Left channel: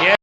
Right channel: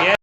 Yeah.